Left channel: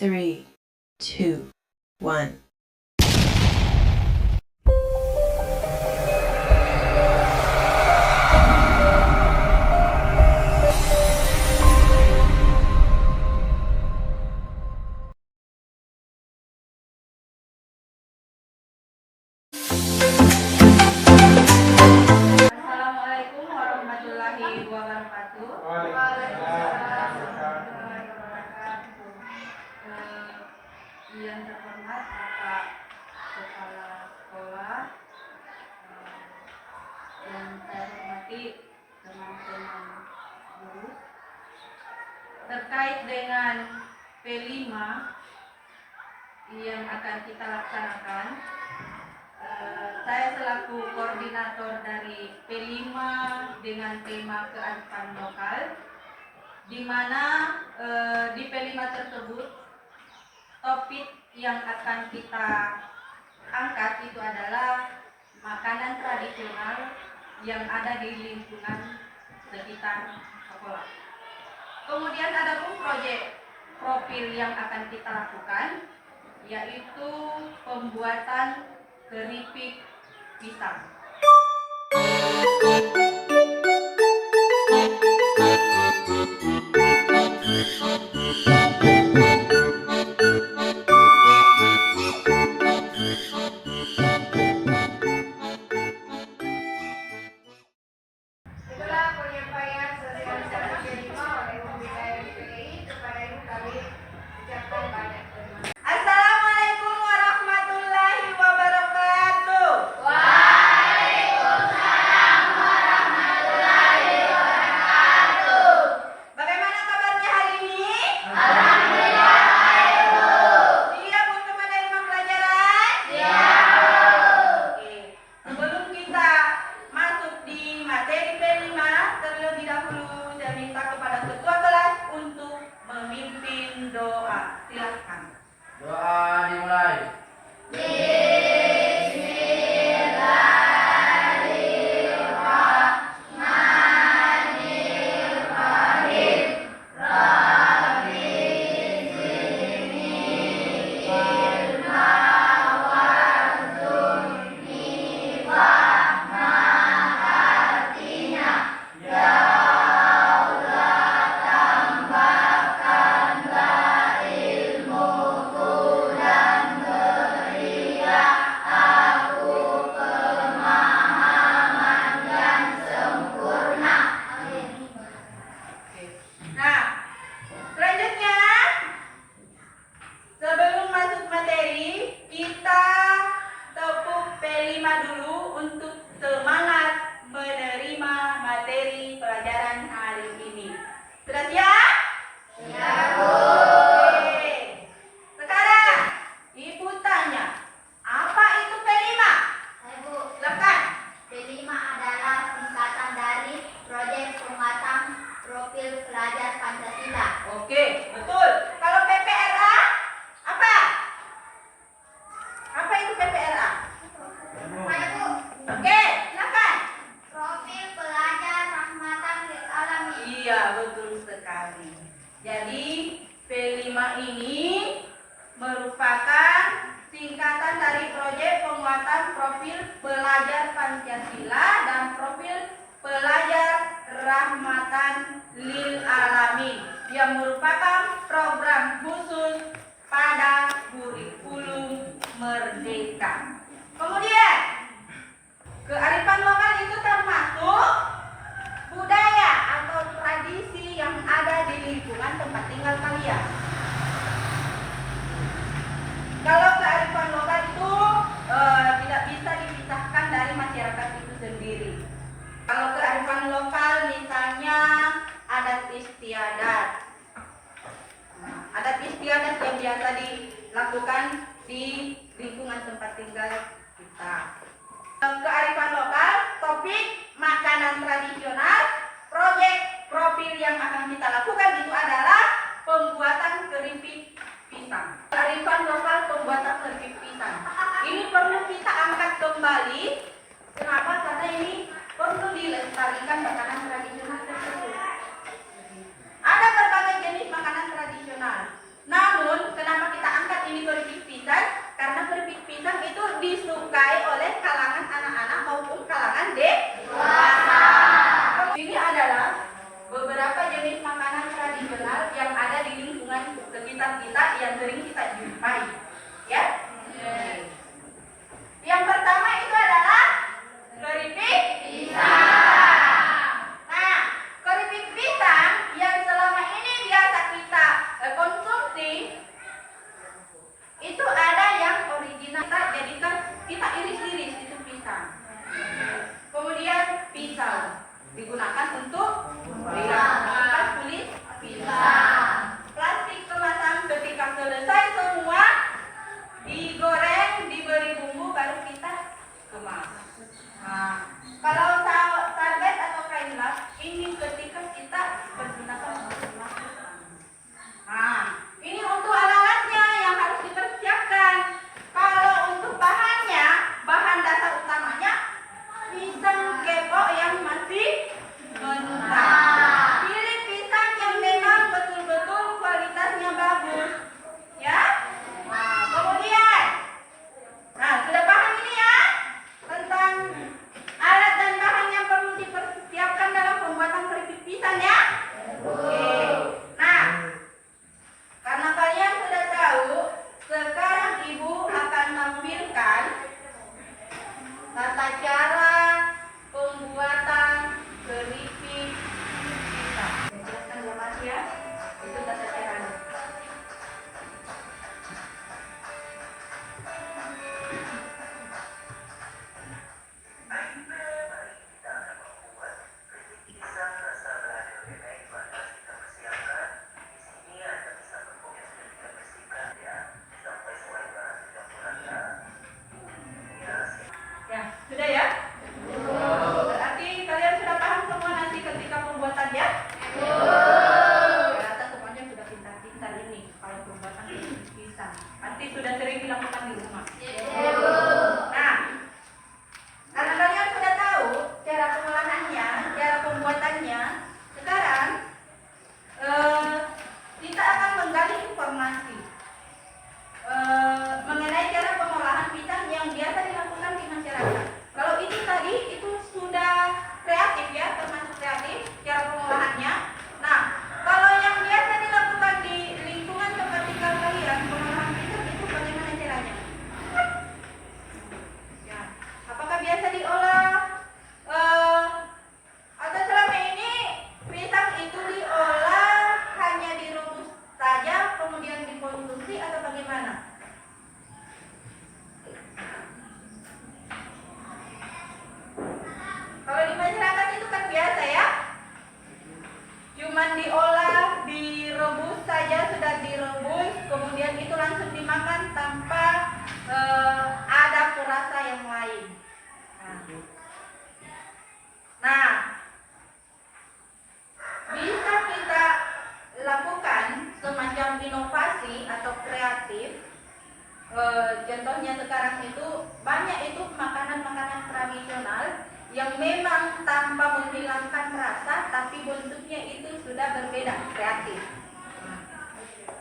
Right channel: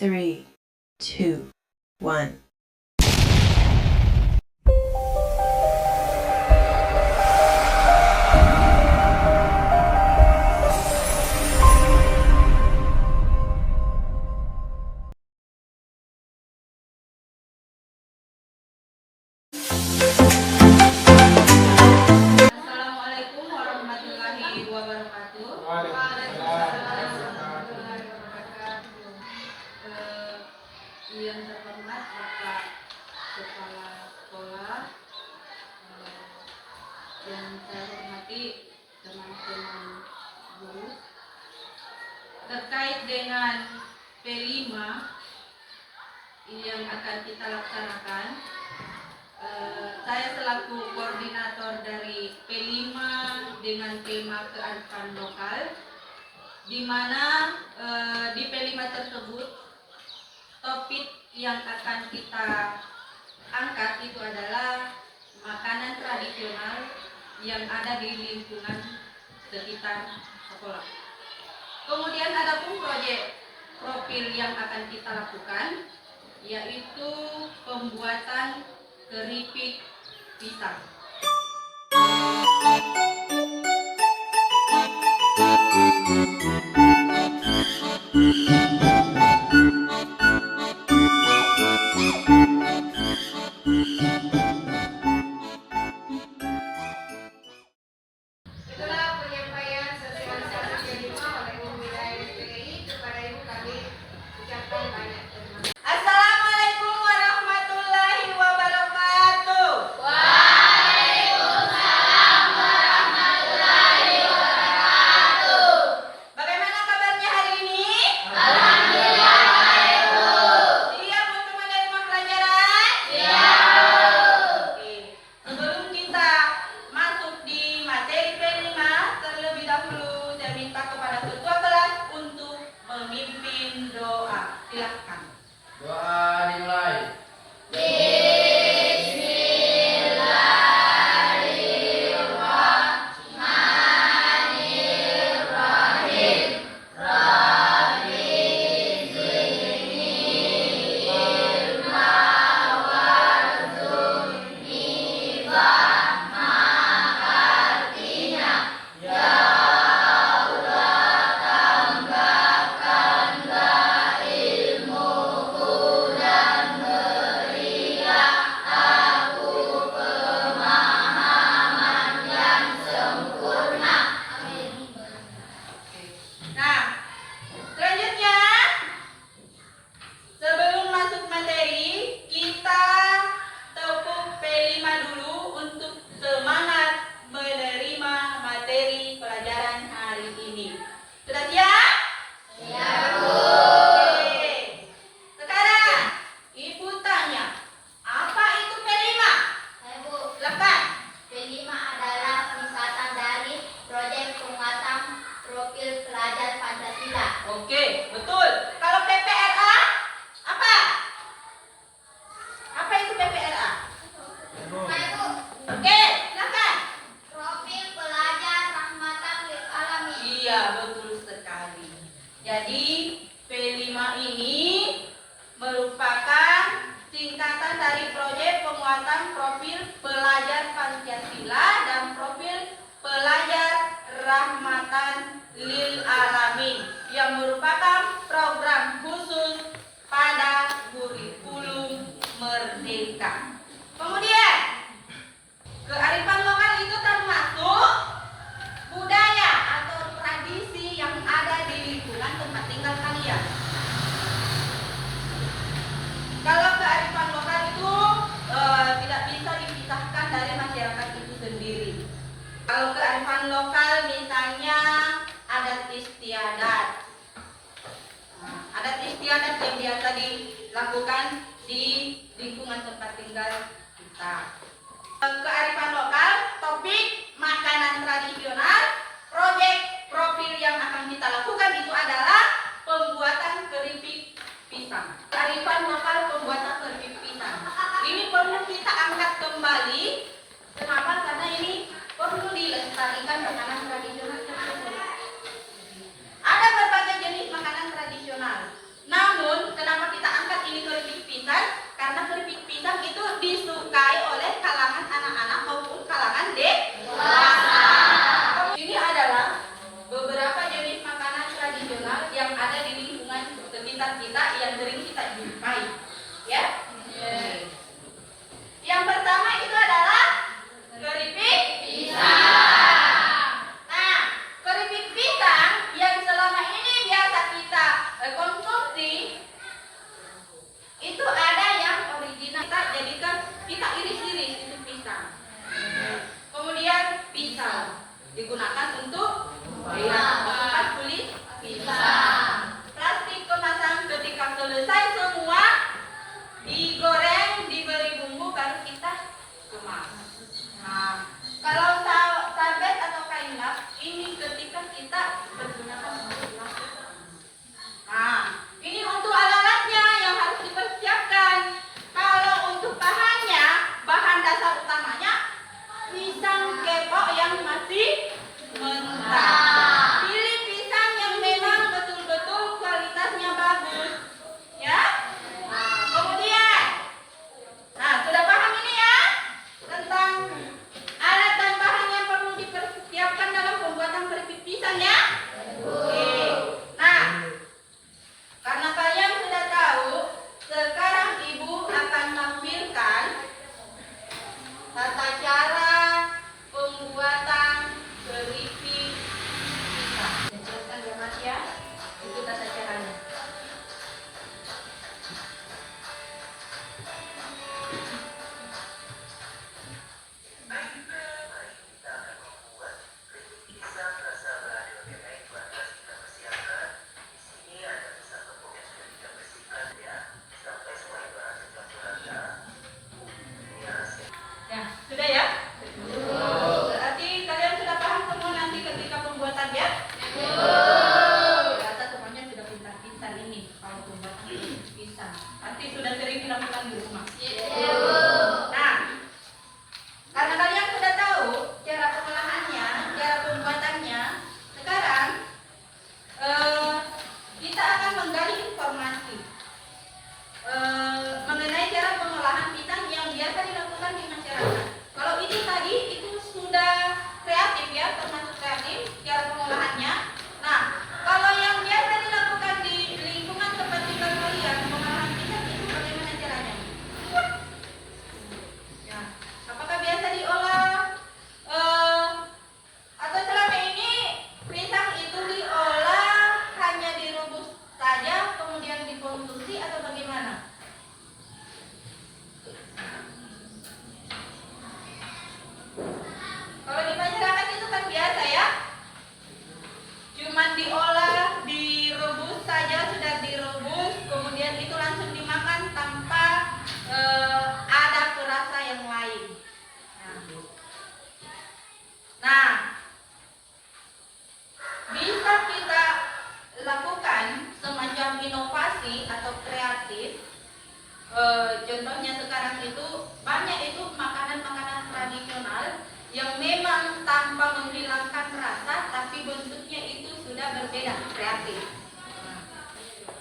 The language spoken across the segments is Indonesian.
3, 2, 1. Assalamualaikum warahmatullahi wabarakatuh. Waalaikumsalam warahmatullahi wabarakatuh. Yang terhormat Bapak Kepala Sekolah, yang saya hormati teman-teman guru, terkait dengan P5 yang akan kita laksanakan. Saya selaku koordinator dari P5 dengan tema kearifan lokal, di mana di P5 tersebut topik yang akan kita angkat itu adalah makanan tradisional yang ada di lingkungan sekitar sekolah. Kemudian ada pun proyek profil yang akan kita lakukan, yaitu pembuatan keripik pisang. Itulah penyampaian sosialisasi P5 oleh Ibu Wilayah PGI. Kepada Ibu kami ucapkan banyak terima kasih. Assalamualaikum warahmatullahi wabarakatuh. Bagaimana kabarnya hari ini? Alhamdulillah baik, Bu. Siap untuk menerima pelajaran? Siap. Oke. Sebelum kita masuk di materi P5, terlebih dahulu saya minta kepada ketua kelas untuk memimpin doa. Silakan. Doa dimulai. Nah, selanjutnya sebelum masuk materi, kita tepuk P5 dulu untuk semangat menerima materi pelajaran hari ini. Sudah siap? Siap, Bu. Oke. Sekarang Ibu tanya, apa itu P5? Ibu, Silakan. P5 adalah singkatan dari Proyek Penguatan Profil Pelajar Pancasila. Oke, betul. Kalau PPRA apa? Apa itu PPRA? Ibu, Oke, silakan. Profil Pelajar Rahmatan Lil Alamin. Iya, betul sekali. Jadi P5 ini merupakan singkatan dari Proyek Penguatan Profil Pelajar Pancasila dan Profil Pelajar Rahmatan Lil Alamin yang merupakan program khusus pada kurikulum Merdeka. Kemudian, kearifan lokal itu termasuk budaya atau tradisi yang ada di lingkungan tempat tinggal kalian. Kalau kearifan lokal itu tidak bisa dipisahkan dari masyarakat itu sendiri. Kalau kearifan lokal misalnya adat istiadat. Adat istiadat yang biasa dilakukan di lingkungan tempat tinggal kita. Kearifan lokal, topik makanan tradisional, proyek profil yang akan kita lakukan itu adalah pembuatan keripik pisang. Kearifan lokal pembuatan keripik pisang. Ini perlu kita angkat kembali. Kenapa? Karena ini perlu dilestarikan makanan tradisional tersebut. Ada berbagai jenis makanan tradisional. Namun, kenapa dasar kita yang sering kita jumpai, ya. Yang pertama itu adalah keripik pisang. Nah, keripik pisang yang selama ini biasa kita konsumsi itu ada yang original, kita jadikan, kita iris-iris itu pisang. Kemudian pisau digunakan untuk mengangkat kulit pisang. Plastik kemasan ketika selesai semua digoreng, diberi bumbu, baru kita kemas. Nah, kalau sarbet atau kain las ini ketika kita menggunakan untuk masak. Nah, ini untuk alat-alatnya yang harus dipersiapkan. Kalau untuk bahannya, bahan dasar utamanya pisang kepok yang masih mentah. Pilih pisang yang memang betul-betul kualitasnya bagus, ya. Nah, kemudian, sudah paham ini ya tentang alat dan bahan yang perlu dipersiapkan dalam pembuatan keripik pisang ya. Oke. Nah, karena kalian sudah tahu, sekarang Ibu akan menampilkan tata cara pembuatan keripik pisang. Jelaskan ya Mas ya, itu tata caranya. Ya, sudah ya? Berarti kalian sudah paham semua nanti ketika pembuatan ya? Ternyata semuanya sudah pintar-pintar ini kalau pembuatan pisang. Pasti sudah sering dilakukan di rumah. Nah, karena kalian sudah tahu cara pengolahannya, cara pembuatannya, sekarang kita akan menggali informasi mengenai cara pengolahan pisang yang biasa dilakukan di masyarakat. Kalau ini tadi itu sudah kreatif ya, termasuk kreatif cara pengolahannya. Nah, kalau yang biasa dilakukan di lingkungan tempat tinggal kalian, pengolahan pisang itu bagaimana caranya? Ya, apakah biasa diolah atau selama ini pisang itu diolah hanya direbus saja kemudian dikonsumsi atau bagaimana? Kalau di masyarakat itu kan biasa ya, cuman diolah, direbus saja, sudah direbus, kemudian itu langsung dimakan tanpa ada perasa yang lain. Nah, bisa kita lakukan semacam inovasi atau kreatif. Contohnya sekarang itu banyak itu makanan-makanan tradisional yang memang tanpa menghilangkan rasa, tapi bentuknya itu sudah berbeda, kreatif.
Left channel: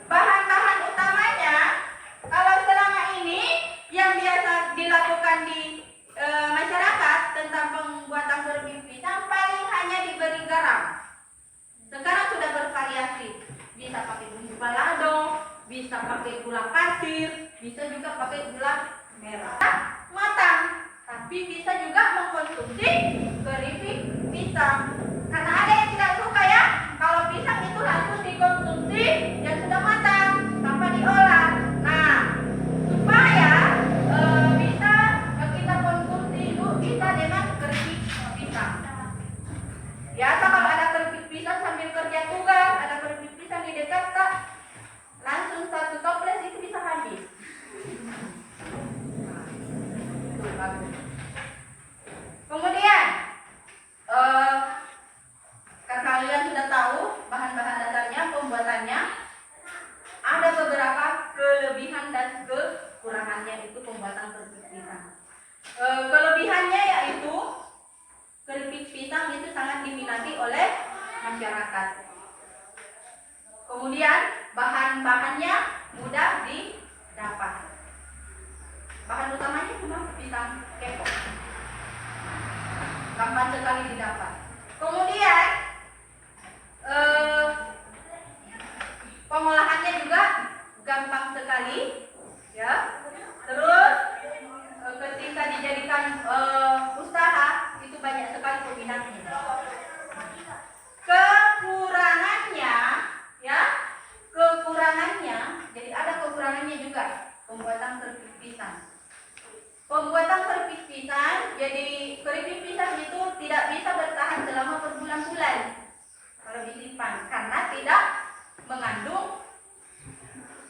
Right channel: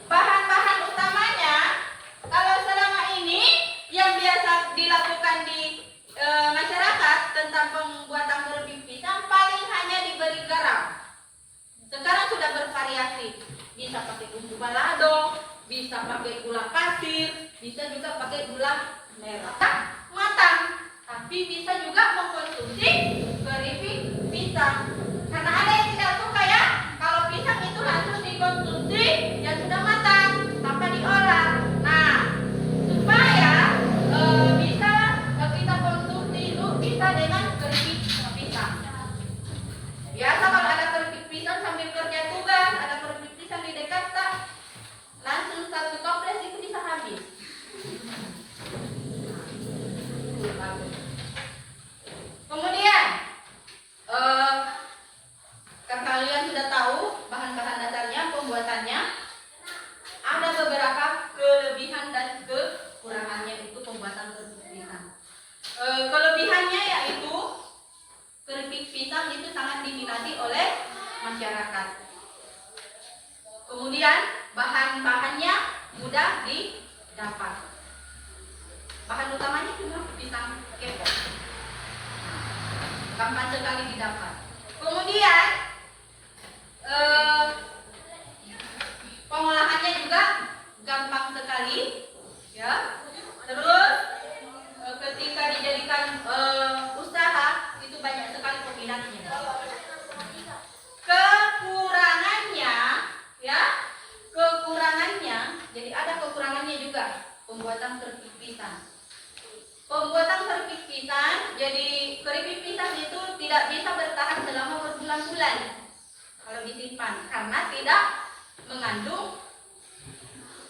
Bahan-bahan utamanya, kalau selama ini yang biasa dilakukan di masyarakat tentang pembuatan keripik pisang paling hanya diberi garam. Sekarang sudah bervariasi, bisa pakai bumbu balado, bisa pakai gula pasir, bisa juga pakai gula merah. Matang, tapi bisa juga mengkonsumsi keripik pisang. Karena ada yang tidak suka ya, kalau pisang itu langsung dikonsumsi yang sudah matang tanpa diolah. Nah, supaya bisa kita konsumsi itu bisa dengan keripik pisang. Biasa kalau ada keripik pisang sambil kerja tugas, ada keripik pisang di dekat, langsung satu toples itu bisa habis. Kemudian karena kalian sudah tahu bahan-bahan dasarnya, pembuatannya, ada beberapa kelebihan dan kekurangannya itu pembuatan keripik pisang. Kelebihannya yaitu keripik pisang itu sangat diminati oleh masyarakat. Kemudian bahan-bahannya mudah didapat. Bahan utamanya cuma pisang kepok, gampang sekali didapat. Kemudian pengolahannya juga juga pembuatan keripik pisang. Pembuatan keripik pisang, jadi keripik pisang itu tidak bisa bertahan selama berbulan-bulan kalau disimpan karena tidak mengandung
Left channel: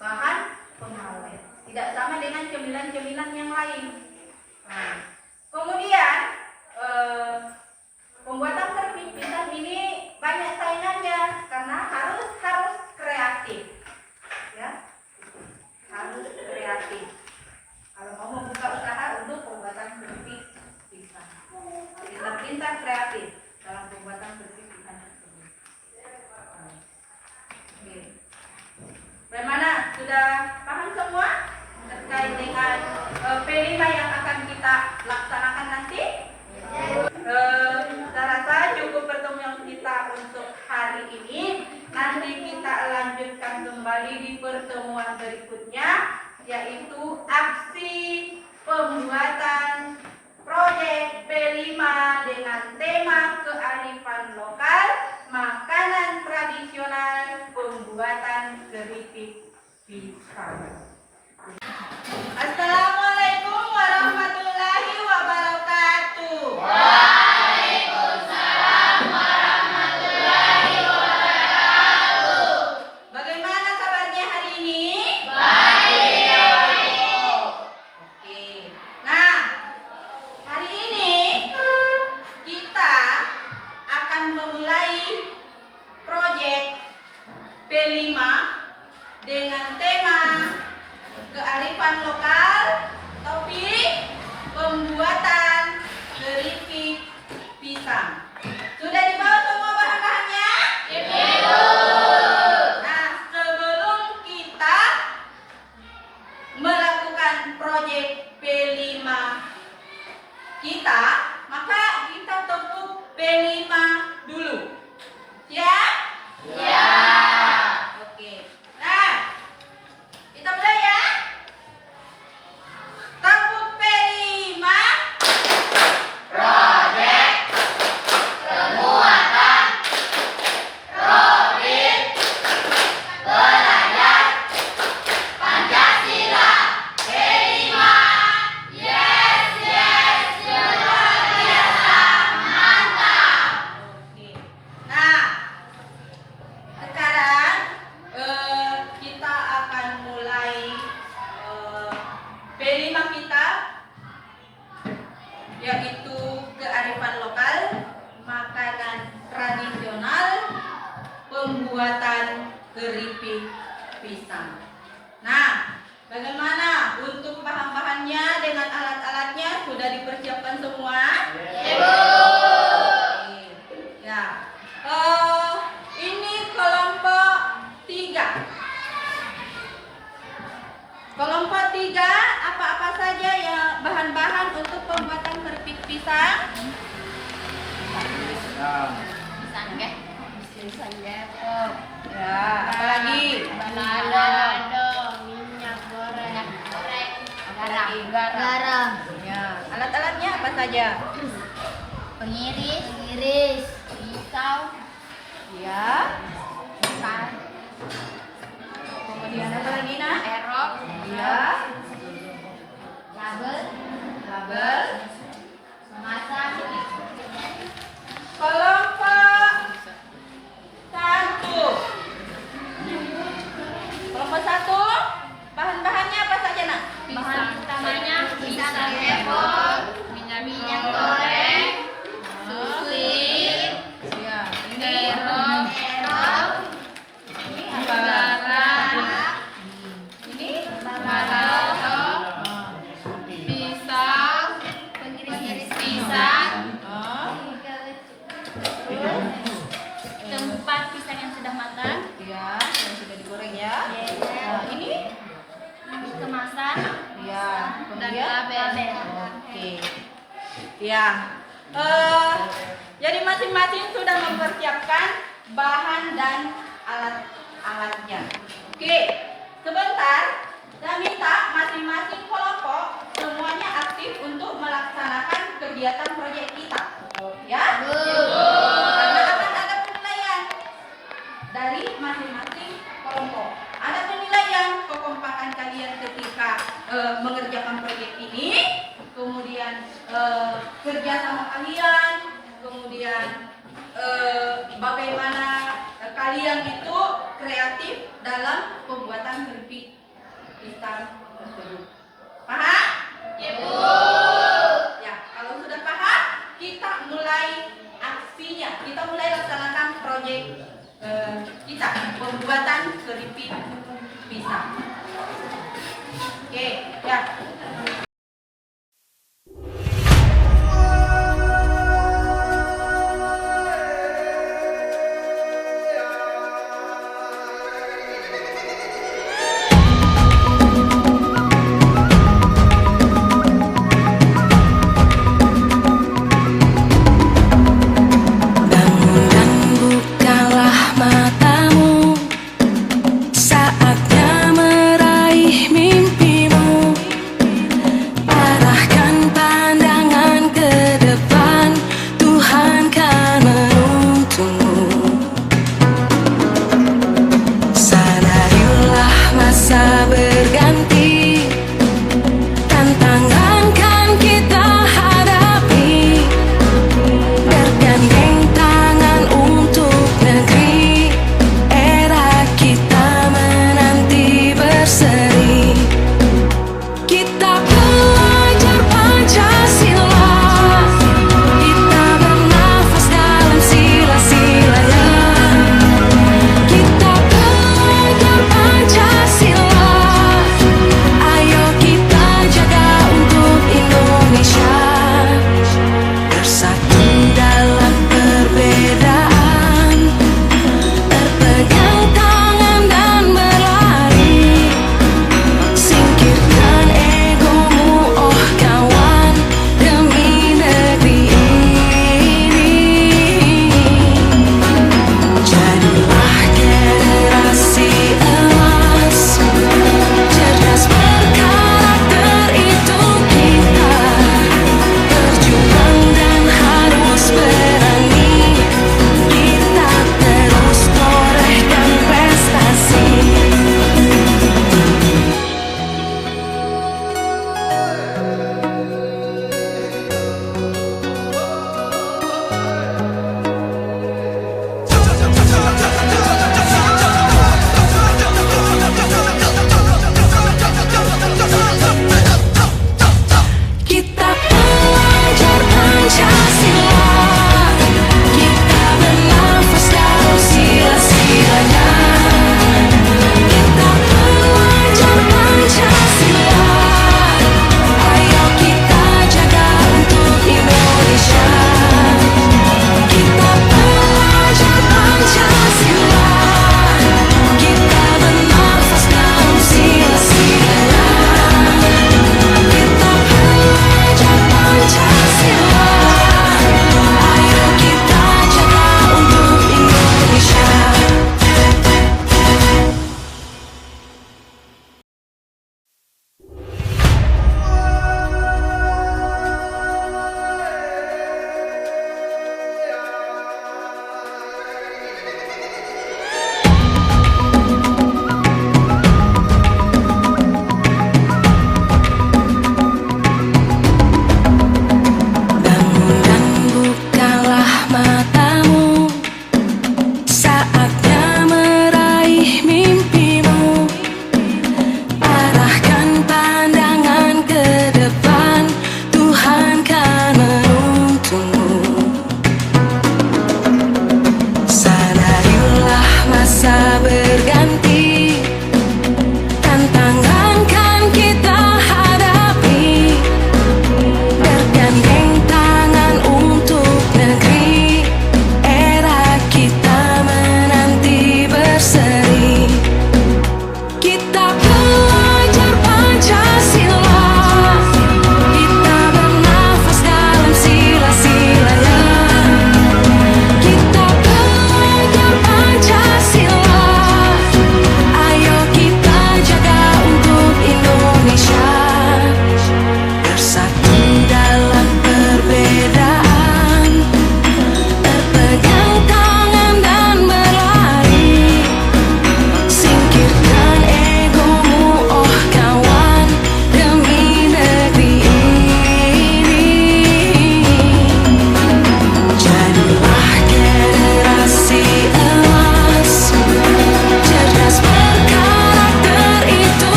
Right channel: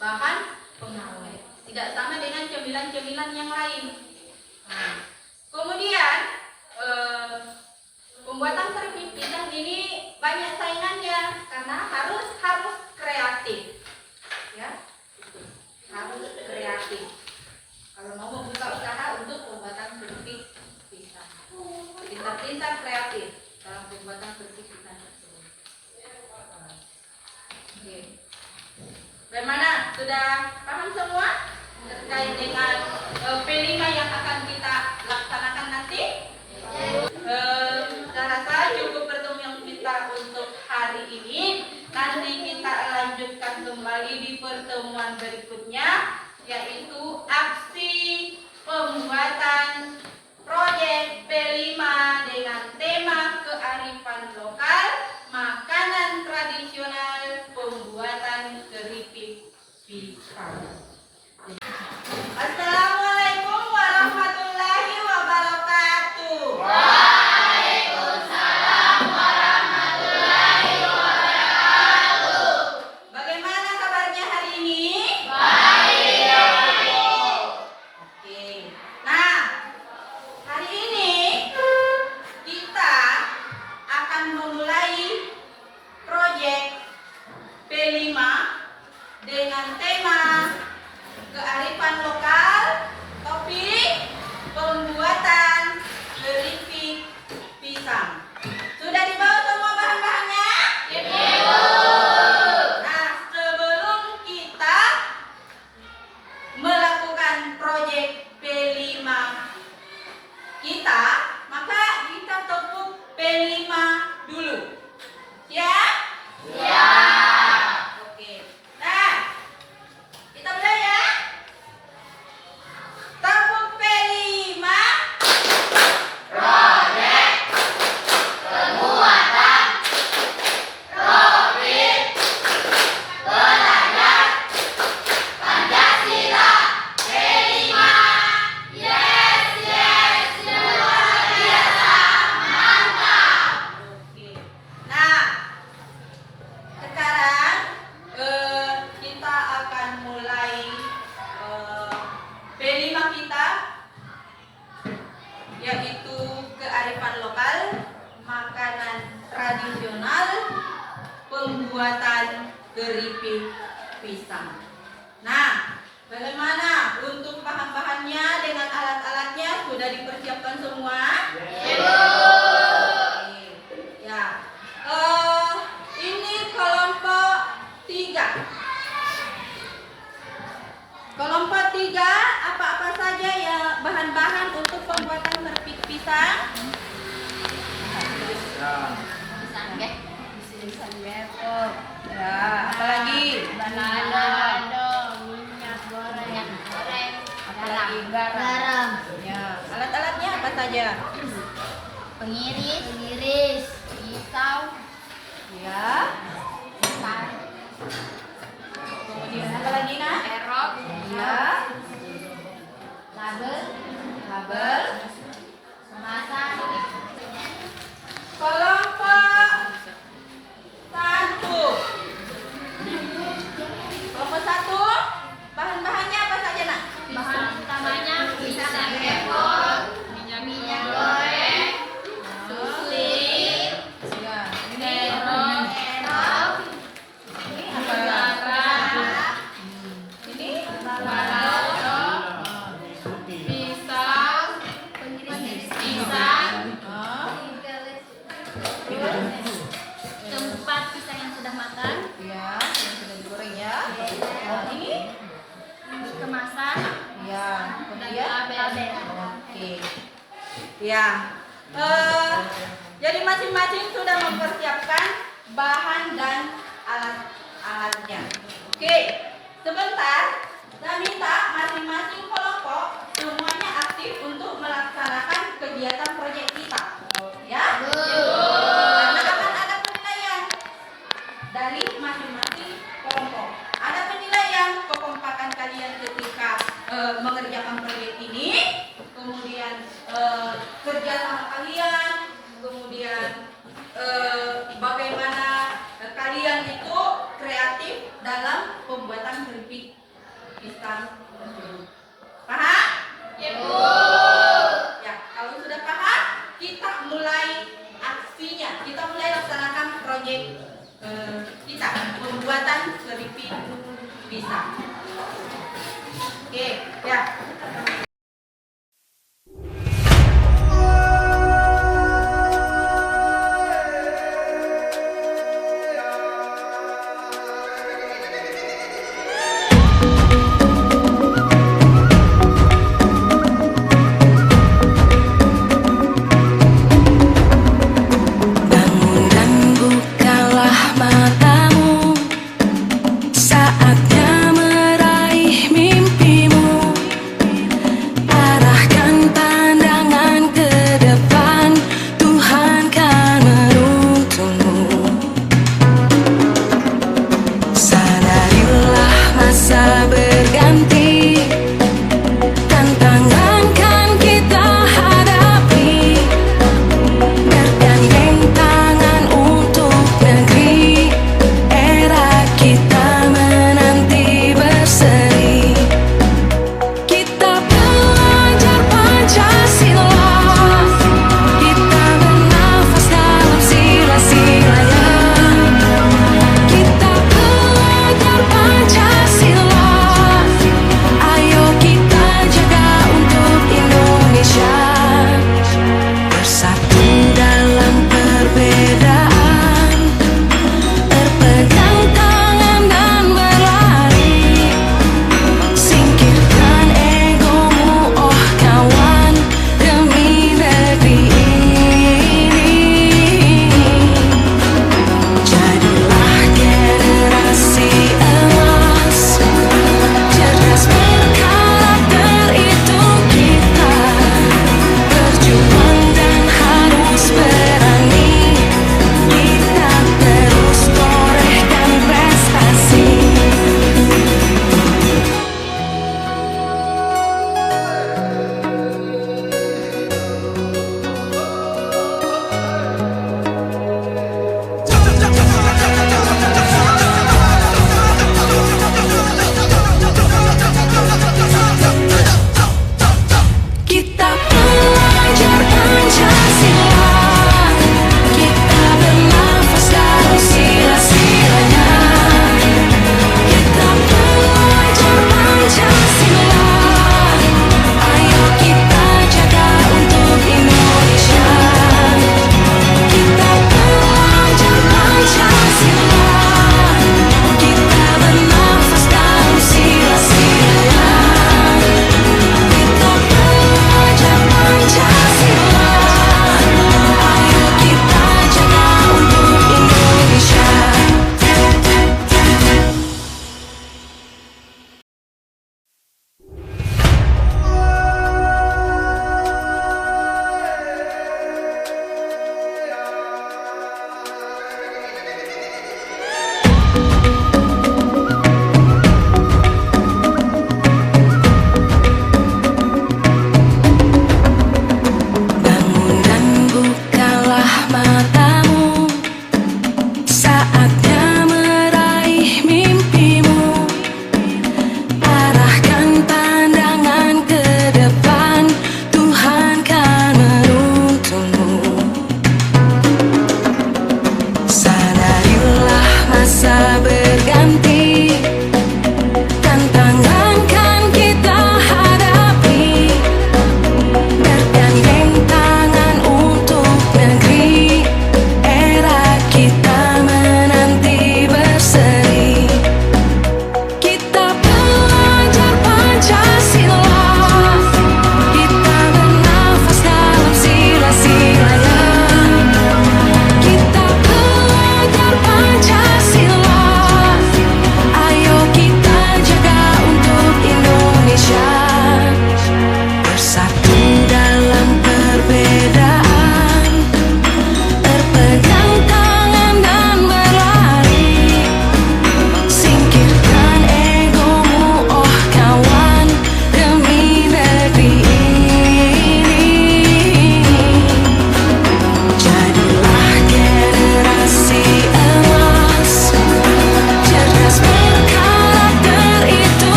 bahan pengawet. Tidak sama dengan cemilan-cemilan yang lain. Kemudian pembuatan keripik pisang ini banyak saingannya karena harus kreatif, ya, harus kreatif. Kalau mau membuka usaha untuk pembuatan keripik pisang, pintar-pintar kreatif dalam pembuatan keripik pisang tersebut. Oke. Bagaimana? Sudah paham semua terkait dengan P5 yang akan kita laksanakan nanti? Saya rasa cukup pertemuan kita untuk hari ini. Nanti kita lanjutkan kembali di pertemuan berikutnya, yaitu aksi pembuatan proyek P5 dengan tema kearifan lokal, makanan tradisional, pembuatan keripik pisang. Assalamualaikum warahmatullahi wabarakatuh. Waalaikumsalam warahmatullahi wabarakatuh. Bagaimana kabarnya hari ini? Baik. Oke. Nah, hari ini kita akan memulai proyek P5 dengan tema kearifan lokal, topik pembuatan keripik pisang. Sudah dibawa semua bahan-bahannya? Ibu. Nah, sebelum kita melakukan proyek P5 kita, maka kita tepuk P5 dulu. Ya? Ya. Oke. Nah, kita mulai ya. Tepuk P5. Proyek pembuatan profil belajar Pancasila P5. Yes, yes, luar biasa, mantap. Oke. Nah, sekarang kita akan mulai P5 kita, yaitu kearifan lokal, makanan tradisional, pembuatan keripik pisang. Nah, bagaimana untuk bahan-bahannya dengan alat-alatnya sudah dipersiapkan semua? Ibu. Oke. Ya. Ini kelompok 3. Kelompok 3, apa-apa saja ya bahan-bahan untuk pembuatan keripik pisang? Ya, apalagi? Balado, minyak goreng, apalagi garam, Ya, alat-alatnya apa saja? pengiris, pisau, Ya. Kemudian apa lagi, Nak? erok, Ya. label, Label. kemasan, Kelompok 1. Kelompok 1, bahan-bahannya apa saja, Nak? bahan utamanya pisang epok, minyak goreng, susu, Ya, terong, garam, ini balado, pisau, pisang, keempat pisang yang sudah matang, ya, yang sudah digoreng ya. Nah, ini kemasan, ya, dan kemudian label. oke. Ya. Jadi masing-masing sudah mempersiapkan bahan dan alat-alatnya. Oke. Sebentar, saya minta masing-masing kelompok semuanya aktif untuk melaksanakan kegiatan proyek kita. Ya? Karena akan ada penilaian dari masing-masing kelompok. Ada penilaian kekompakan kalian tentang tersebut. Paham? Ya, Bu. Ya, kalau sudah paham, kita mulai aksinya. Kita mulai laksanakan proyek kita, pembuatan keripik pisang. Oke, ya. Bangun dan bukalah matamu, saatnya meraih mimpimu.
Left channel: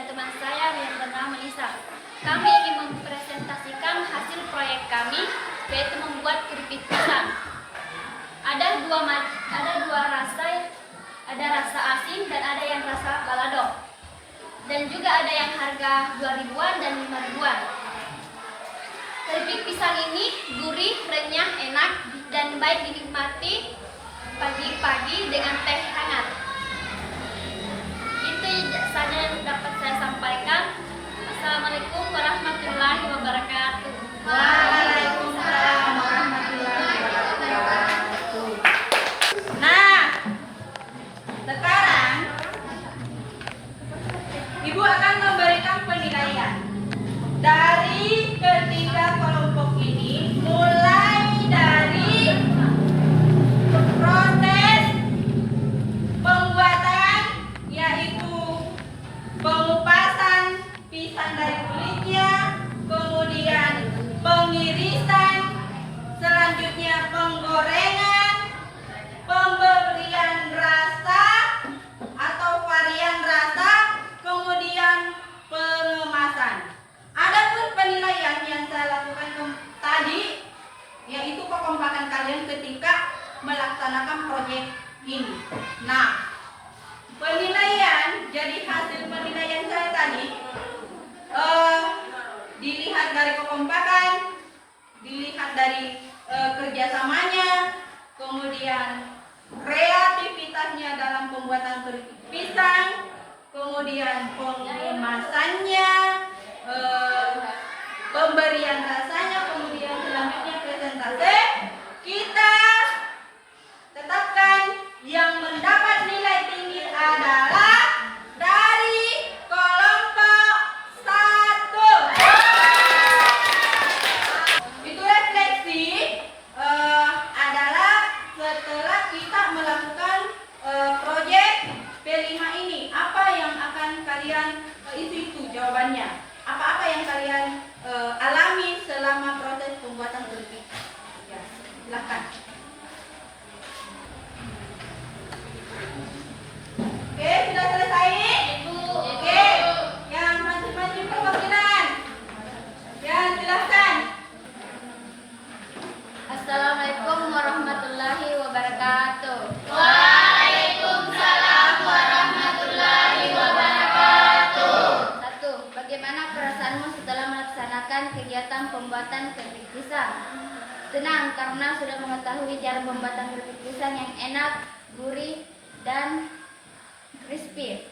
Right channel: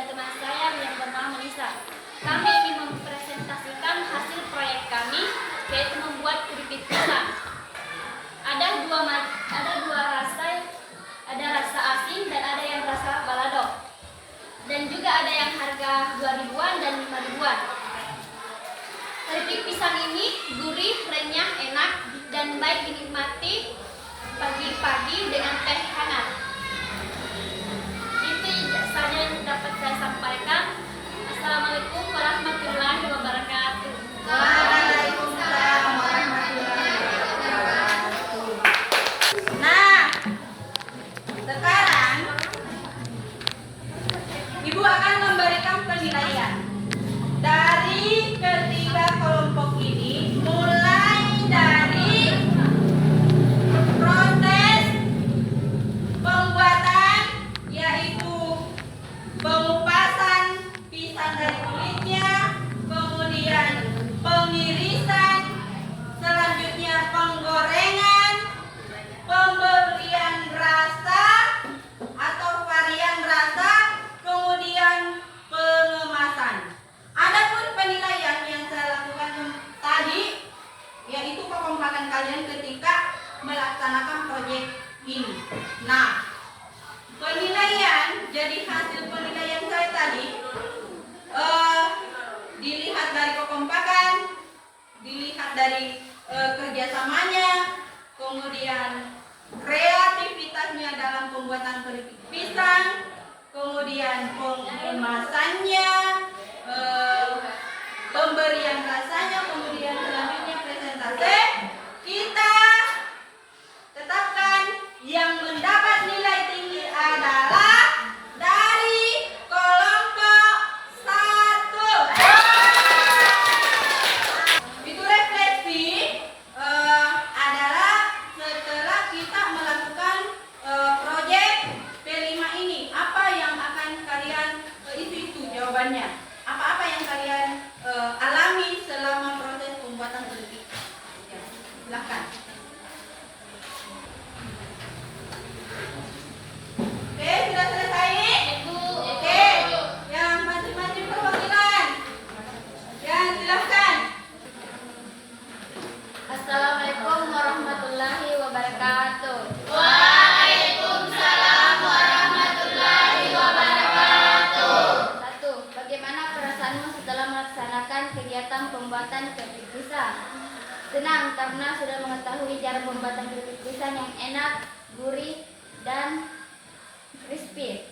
dan teman saya yang bernama Nisa. Kami ingin mempresentasikan hasil proyek kami, yaitu membuat keripik pisang. Ada dua rasa, ada rasa asin dan ada yang rasa balado. Dan juga ada yang harga 2.000-an dan 5.000-an. Keripik pisang ini gurih, renyah, enak, dan baik dinikmati pagi-pagi dengan teh hangat. Itu saja yang dapat saya sampaikan. Assalamualaikum warahmatullahi wabarakatuh. Waalaikumsalam warahmatullahi wabarakatuh. Nah, sekarang Ibu akan memberikan penilaian dari ketiga kelompok ini, mulai dari proses pembuatan, yaitu pengupasan pisang dari kulitnya, kemudian pengirisan, selanjutnya penggorengan, pemberian rasa atau varian rasa, kemudian pengemasan. Adapun penilaian yang saya lakukan tadi, yaitu kekompakan kalian ketika melaksanakan proyek ini. Nah, penilaian, jadi hasil penilaian saya tadi dilihat dari kekompakan, dilihat dari kerjasamanya, kemudian kreativitasnya dalam pembuatan keripik pisang, kemudian pengemasannya, pemberian rasanya, kemudian selanjutnya presentasi. Kita tetapkan yang mendapat nilai tinggi adalah dari kelompok 1. Itu refleksi adalah setelah kita melakukan proyek P5 ini, apa yang akan kalian itu jawabannya. Apa-apa yang kalian alami selama proses pembuatan keripik? Ya, silakan. Oke, sudah selesai? Oke, yang masing-masing perwakilan. Ya, silakan. Assalamualaikum warahmatullahi wabarakatuh. Bagaimana perasaanmu setelah melaksanakan kegiatan pembuatan keripik pisang? Senang karena sudah mengetahui cara pembuatan keripik pisang yang enak, gurih, dan crispy.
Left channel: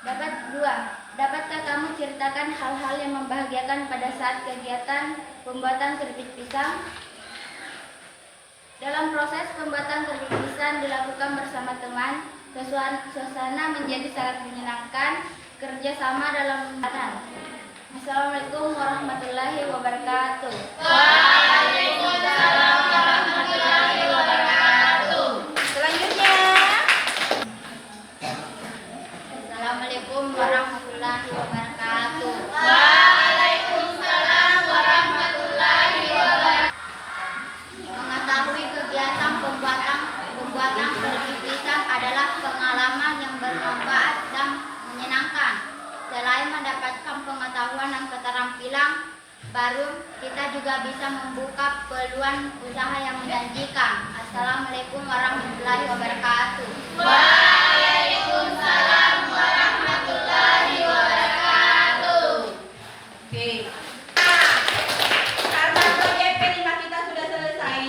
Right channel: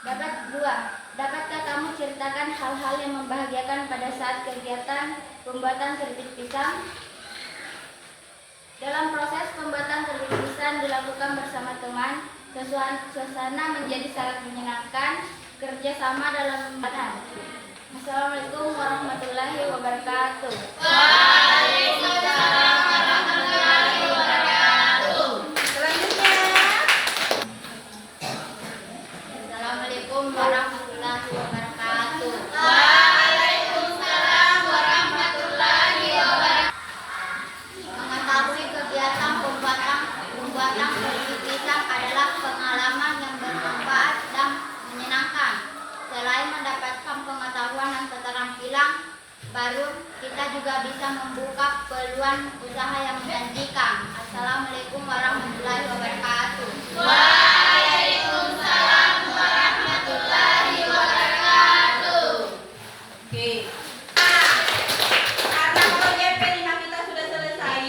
Dapatkah kamu ceritakan hal-hal yang membahagiakan pada saat kegiatan pembuatan keripik pisang? Dalam proses pembuatan keripik pisang dilakukan bersama teman, suasana menjadi sangat menyenangkan, kerjasama dalam pembuatan. Assalamualaikum warahmatullahi wabarakatuh. Waalaikumsalam warahmatullahi wabarakatuh. Selanjutnya. Assalamualaikum warahmatullahi wabarakatuh. Waalaikumsalam warahmatullahi wabarakatuh. Mengetahui kegiatan pembuatan keripik pisang adalah pengalaman yang bermanfaat dan menyenangkan. Selain mendapatkan pengetahuan dan keterampilan baru, kita juga bisa membuka peluang usaha yang menjanjikan. Assalamualaikum warahmatullahi wabarakatuh. Waalaikumsalam warahmatullahi wabarakatuh. Oke. Nah, karena proyek P5 kita sudah selesai,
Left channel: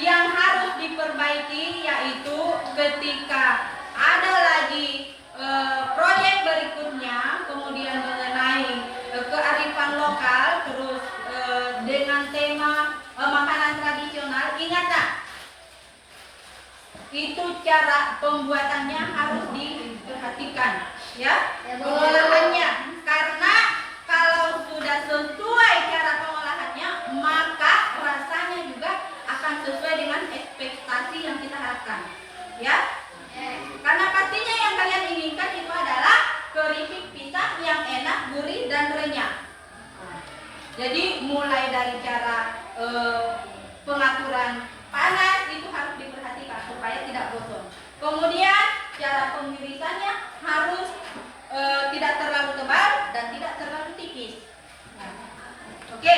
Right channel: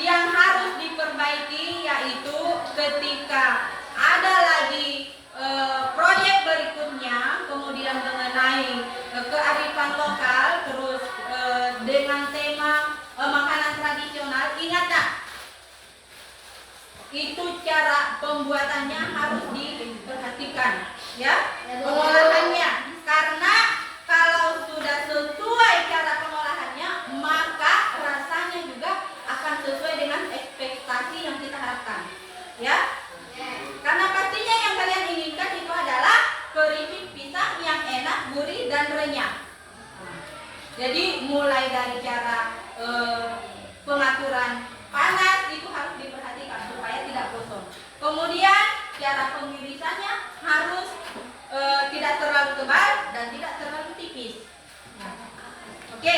yang harus diperbaiki yaitu ketika ada lagi proyek berikutnya, kemudian mengenai kearifan lokal, terus dengan tema makanan tradisional. Ingat tak? Itu cara pembuatannya harus diperhatikan, ya, pengolahannya. Karena kalau sudah sesuai cara pengolahannya, maka rasanya juga akan sesuai dengan ekspektasi yang kita harapkan, ya. Karena pastinya yang kalian inginkan itu adalah keripik pisang yang enak, gurih, dan renyah. Jadi mulai dari cara pengaturan panas itu harus diperhatikan supaya tidak gosong. Kemudian cara pengirisannya harus tidak terlalu tebal dan tidak terlalu tipis. Nah, oke,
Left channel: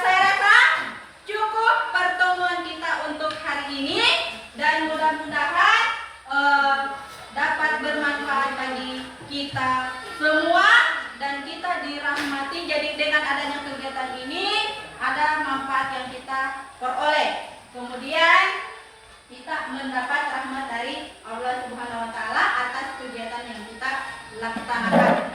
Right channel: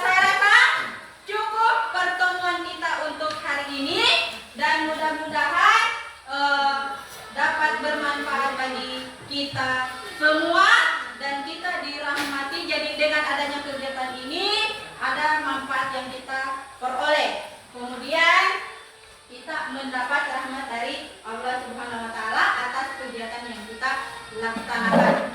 saya rasa cukup pertemuan kita untuk hari ini dan mudah-mudahan dapat bermanfaat bagi kita semua dan kita dirahmati. Jadi dengan adanya kegiatan ini ada manfaat yang kita peroleh. Kemudian kita mendapat rahmat dari Allah Subhanahu wa taala atas kegiatan yang kita laksanakan.